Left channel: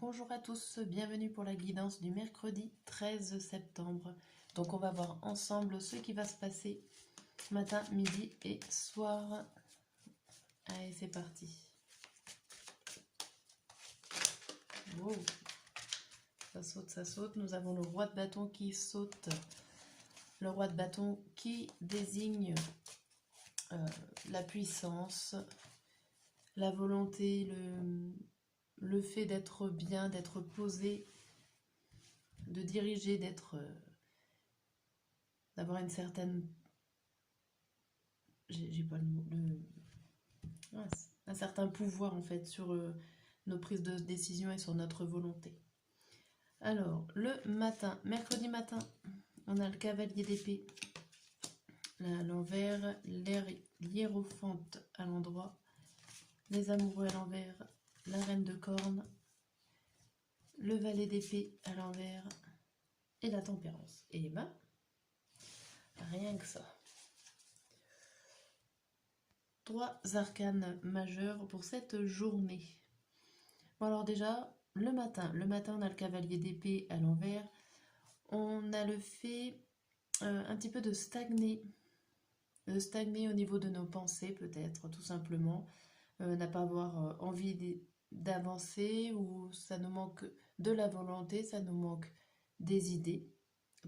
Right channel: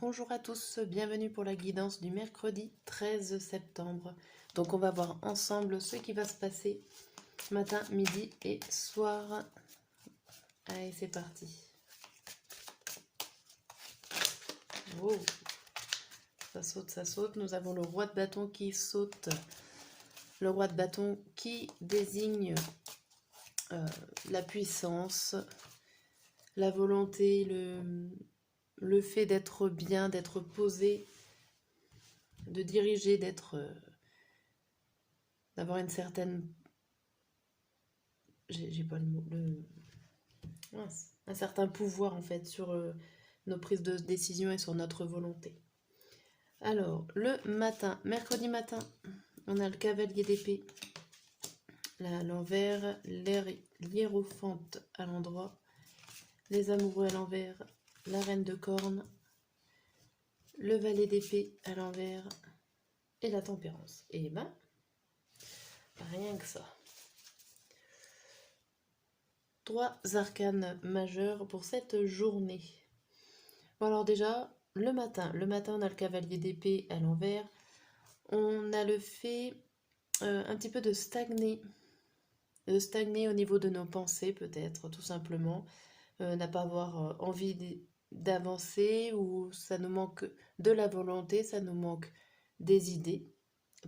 Bonjour à tous, bienvenue pour la guidance du mercredi 13 septembre. Donc on va voir ensemble ce qui va se passer matin, midi et soir. Allez, c'est parti. Oh, ça saute, ça saute. Nous avons le roi de bâton qui saute. Le roi de bâton qui désigne la puissance, la volonté, le fait d'être bien, d'être posé, de diriger, d'avoir une certaine, j'ai pas le mot, un certain pouvoir en fait sur nos prises de décision et sur notre volonté. Alors, le matin, mercredi matin, on a le cavalier d'épée, à l'envers, l'hiérophante à l'endroit, les amoureux à l'envers, la reine de corne, le valet d'épée à l'envers et la tempérance. Et ben, rien que ça. 3 arcanes majeurs pour cette journée. Bon alors déjà, le matin on a le cavalier d'épée à l'envers. On a le fait un petit peu de stagner au niveau de nos pensées peut-être, tout simplement. N'a pas avoir envie d'avancer, ou ça nous manque de la volonté, ça nous manque des idées,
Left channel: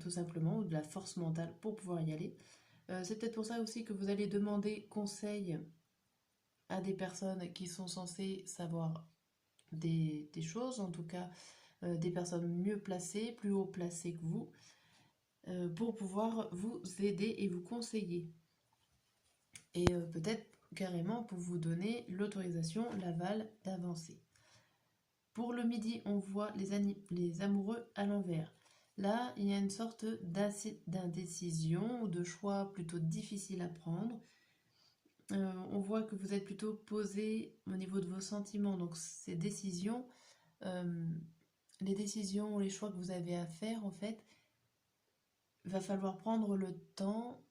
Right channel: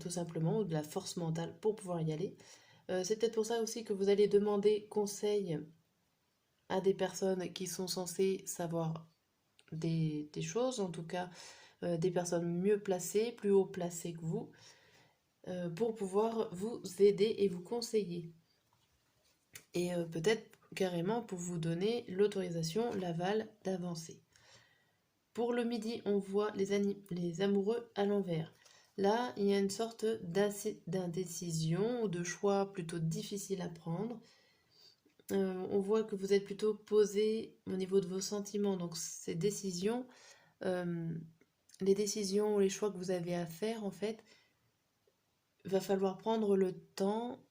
tout simplement, ou de la force mentale pour pouvoir y aller. C'est peut-être pour ça aussi que vous allez demander conseil à des personnes qui sont censées savoir des choses, en tout cas des personnes mieux placées, plus haut placées que vous, pour pouvoir vous aider et vous conseiller. Et peut-être carrément pour vous donner l'autorisation, l'aval d'avancer. Pour le midi, on voit les amoureux à l'envers. Là, il y a une sorte d'indécision ou de choix plutôt difficile à prendre. On voit que vous êtes plutôt posé au niveau de vos sentiments. Donc ces décisions, les décisions ou les choix que vous avez à faire, en fait, va falloir prendre le temps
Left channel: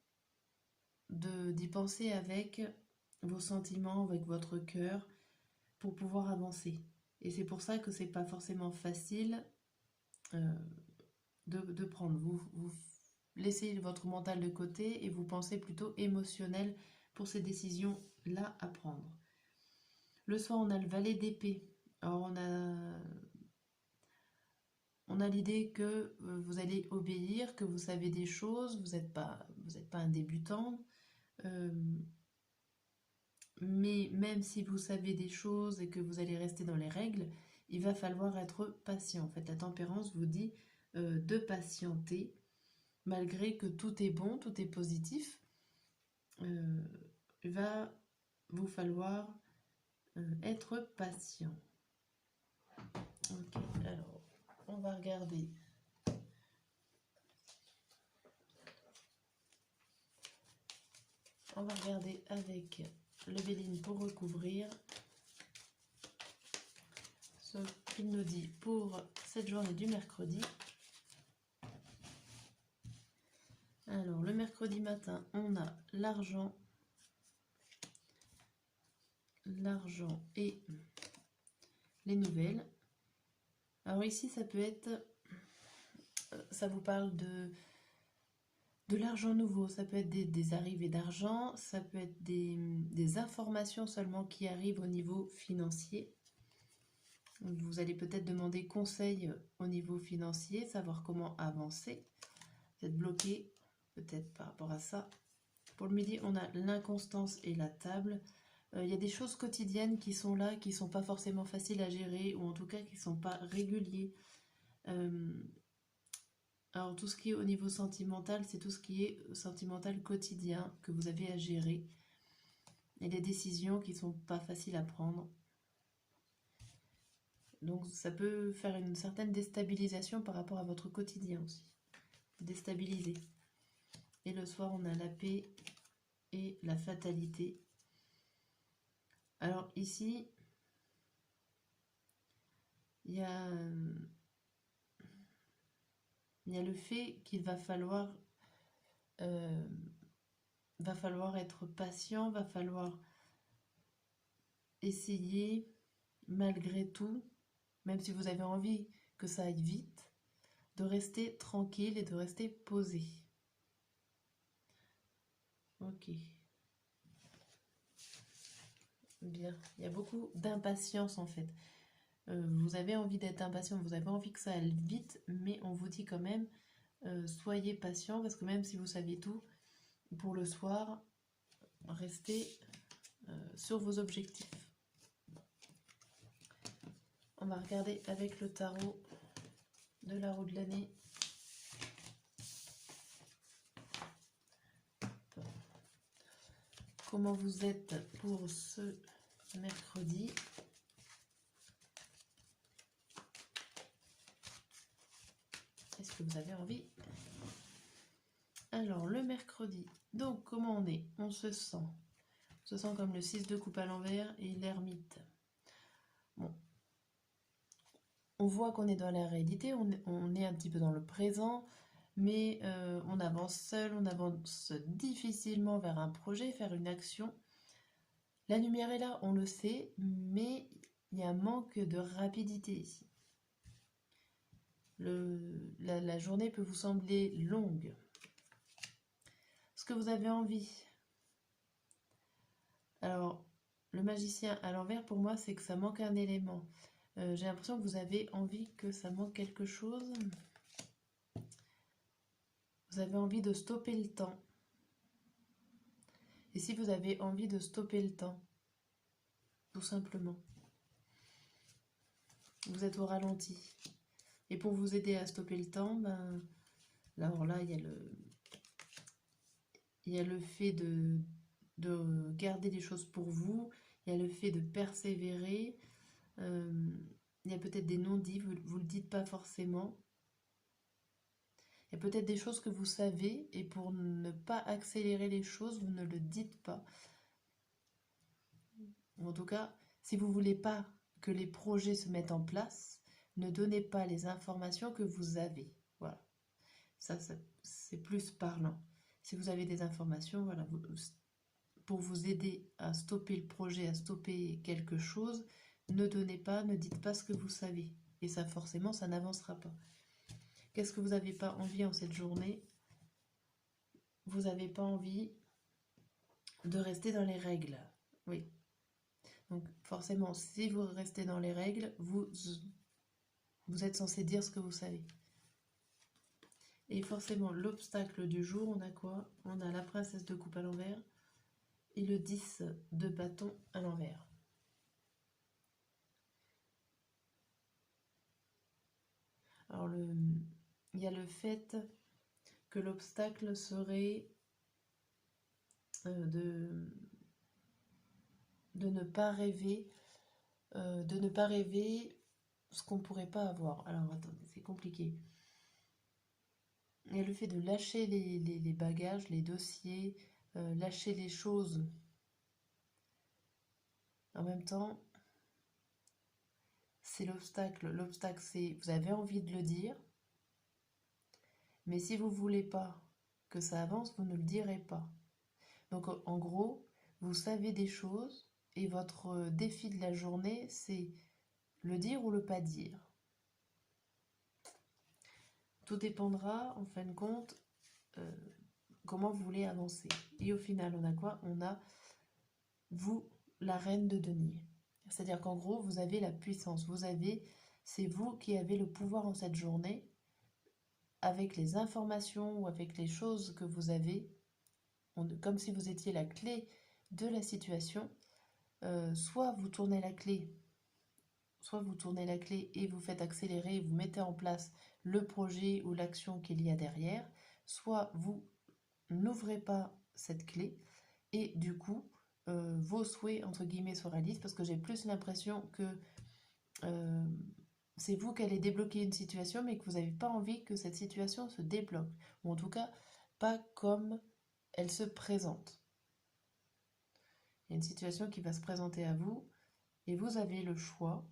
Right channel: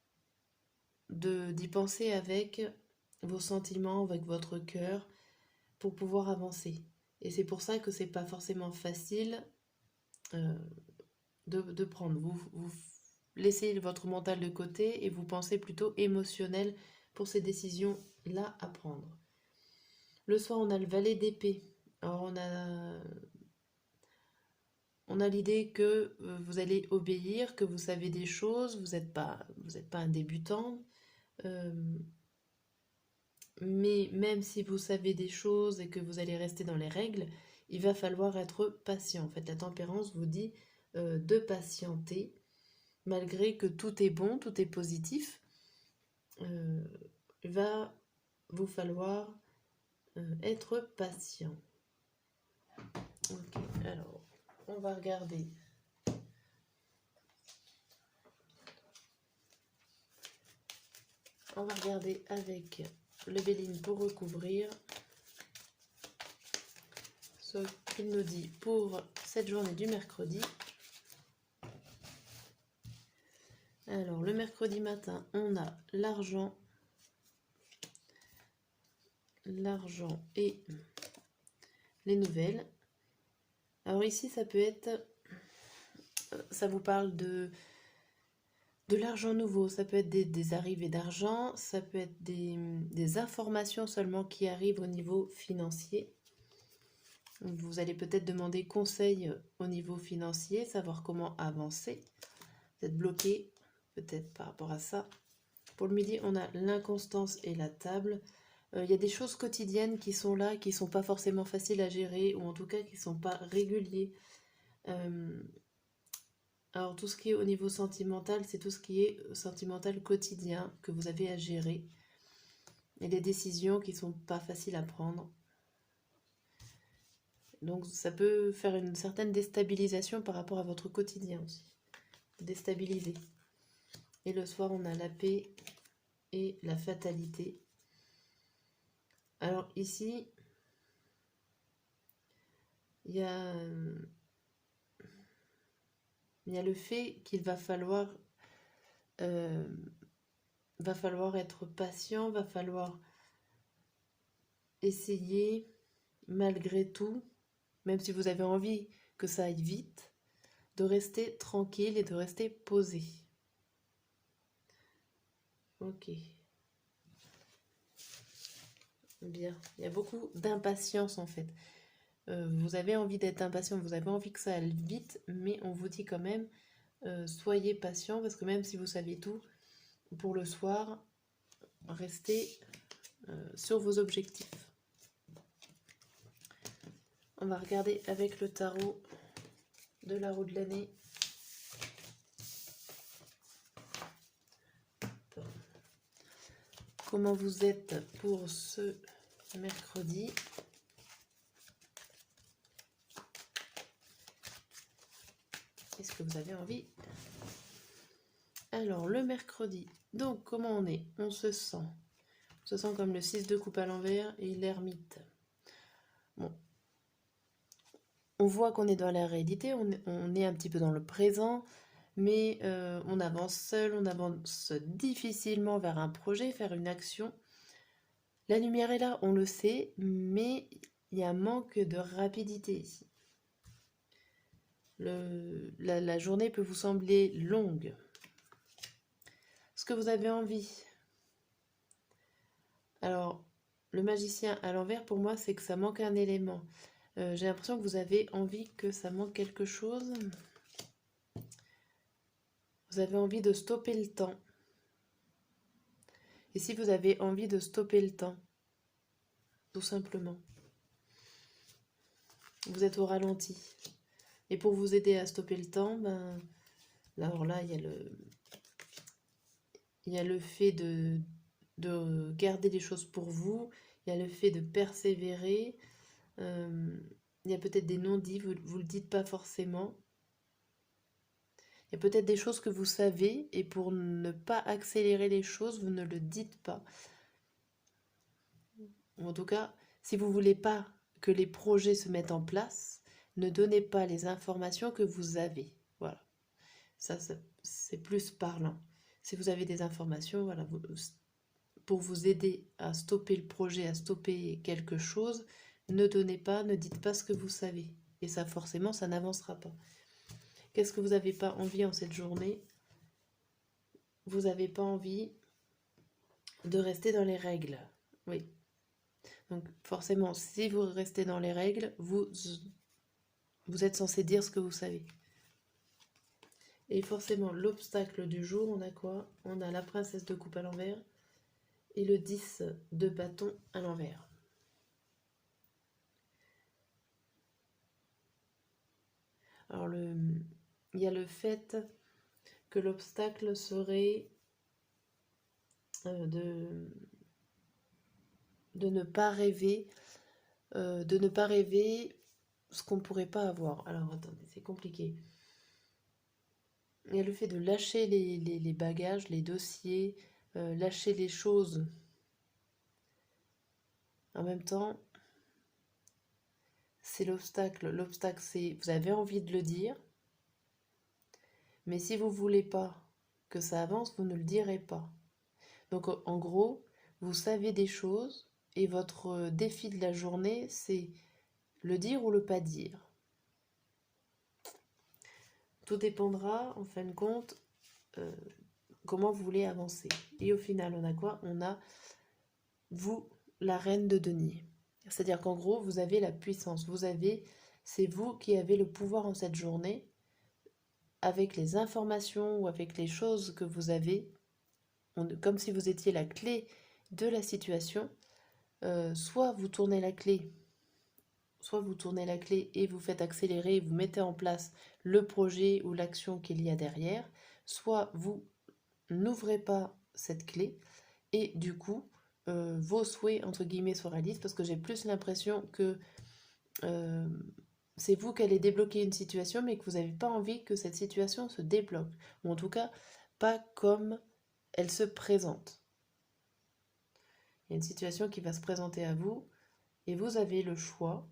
d'y penser avec vos sentiments, avec votre cœur, pour pouvoir avancer. Et c'est pour ça que c'est pas forcément facile de prendre. Vous laissez votre mental de côté et vous pensez plutôt émotionnel pour ces décisions-là à prendre. Le soir, on a le valet d'épée. Alors, on a l'idée que vous allez obéir, que vous savez des choses, vous n'êtes pas un débutant. Mais même si vous savez des choses et que vous allez rester dans les règles, il va falloir être patient. En fait, la tempérance vous dit de patienter, malgré que tout est bon, tout est positif. Il va vous falloir être patient. Ok, alors, on va regarder. On va regarder avec le Béline pour recouvrir ce qu'il nous dit pour cette journée du mercredi. Alors, le mercredi matin, on a l'argent et les nouvelles. Alors ici, ça peut être, ça vous parle de l'argent nouveau, ça peut être des arrivées d'argent, ça peut être des informations seulement qui arrivent au niveau financier. Vous allez peut-être demander conseil au niveau financier, savoir comment avancer. Vous êtes bloqué peut-être par rapport à ça. Pour le midi, on a l'inconstance et la table. Il y a des choses quotidiennes qui sont là, qui ne sont pas forcément faciles à gérer, ou en tout cas qui ne sont pas réguliers. Alors tout ce qui est au niveau sentimental, c'est tout ce qui est sentimental quotidien que vous avez à gérer. Et des décisions qui ne sont pas faciles à prendre. Donc ça peut faire une certaine déstabilisation par rapport à votre quotidien aussi. Déstabiliser. Et le soir, on a la paix et la fatalité. Alors ici, il y a le fait qu'il va falloir être patient, va falloir essayer malgré tout même si vous avez envie que ça aille vite, de rester tranquille et de rester posé. Ok. Bien. Il y a beaucoup d'impatience en fait. Vous avez envie d'être impatient, vous avez envie que ça aille vite, mais on vous dit quand même, soyez patient, parce que même si vous savez tout, pour le soir, restez sur vos objectifs. On va regarder avec le tarot de la roue de l'année. Comment vous êtes pour ce mercredi? Est-ce que vous avez envie? Alors, le mercredi, donc comment on est? On se sent comme le 6 de coupe à l'envers et l'ermite. Bon, on voit qu'on est dans la réalité, on est un petit peu dans le présent, mais on avance seul, on avance difficilement vers un projet, faire une action. La lumière est là, on le sait, mais il y a un manque de rapidité ici. La journée peut vous sembler longue. Est-ce que vous avez envie? Alors, le magicien à l'envers, pour moi, c'est que ça manque un élément. J'ai l'impression que vous avez envie que ça manque quelque chose. Vous avez envie de stopper le temps. Et si vous avez envie de stopper le temps, tout simplement, vous êtes au ralenti. Et pour vous aider à stopper le temps, ben, alors là, il y a le fait de garder les choses pour vous, il y a le fait de persévérer, il y a peut-être des non-dits, vous ne le dites pas forcément. Il y a peut-être des choses que vous savez et pour ne pas accélérer les choses, vous ne le dites pas. En tout cas, si vous ne voulez pas que les projets se mettent en place, ne donnez pas les informations que vous avez. Voilà. Ça c'est plus parlant. Si vous avez des informations, voilà, pour vous aider à stopper le projet, à stopper quelque chose, ne donnez pas, ne dites pas ce que vous savez. Et ça, forcément, ça n'avancera pas. Qu'est-ce que vous n'avez pas envie en cette journée? Vous n'avez pas envie de rester dans les règles. Oui. Donc forcément, si vous restez dans les règles, vous êtes censé dire ce que vous savez. Et forcément, l'obstacle du jour, on a quoi? On a la princesse de coupe à l'envers et le 10 de bâton à l'envers. Alors, il y a le fait que l'obstacle serait de ne pas rêver, ce qu'on ne pourrait pas avoir. Alors, attendez, c'est compliqué. Il y a le fait de lâcher les bagages, les dossiers, lâcher les choses. En même temps, c'est l'obstacle. L'obstacle, c'est vous avez envie de le dire, mais si vous ne voulez pas que ça avance, vous ne le direz pas. Donc en gros, vous savez des choses et votre défi de la journée, c'est le dire ou le pas dire. Tout dépendra, en fin de compte, comment vous voulez avancer. Et au final, on a quoi? On a vous, la reine de denier. C'est-à-dire qu'en gros, vous avez la puissance. C'est vous qui avez le pouvoir en cette journée, avec les informations ou avec les choses que vous avez, comme si vous étiez la clé de la situation. Soit vous tournez la clé et vous faites accélérer, vous mettez en place le projet ou l'action qu'il y a derrière, soit vous n'ouvrez pas cette clé et du coup vos souhaits entre guillemets se réalisent, parce que j'ai plus l'impression que c'est vous qui allez débloquer une situation mais que vous n'avez pas envie que cette situation se débloque, ou en tout cas pas comme elle se présente. Il y a une situation qui va se présenter à vous et vous avez le choix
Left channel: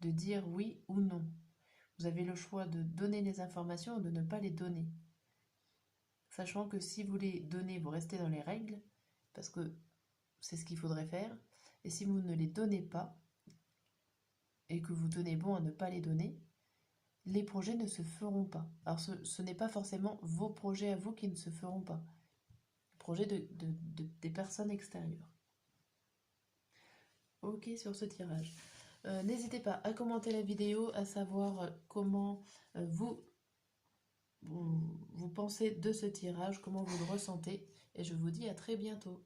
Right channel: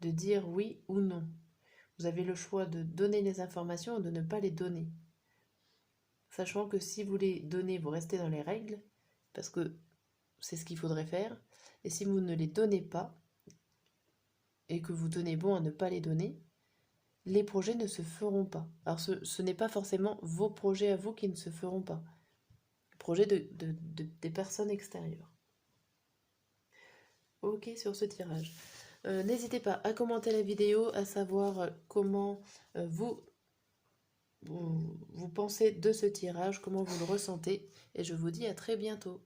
de dire oui ou non. Vous avez le choix de donner les informations ou de ne pas les donner. Sachant que si vous les donnez, vous restez dans les règles, parce que c'est ce qu'il faudrait faire. Et si vous ne les donnez pas, et que vous tenez bon à ne pas les donner, les projets ne se feront pas. Alors ce n'est pas forcément vos projets à vous qui ne se feront pas. Les projets des personnes extérieures. Ok sur ce tirage. N'hésitez pas à commenter la vidéo, à savoir comment vous pensez de ce tirage, comment vous le ressentez. Et je vous dis à très bientôt.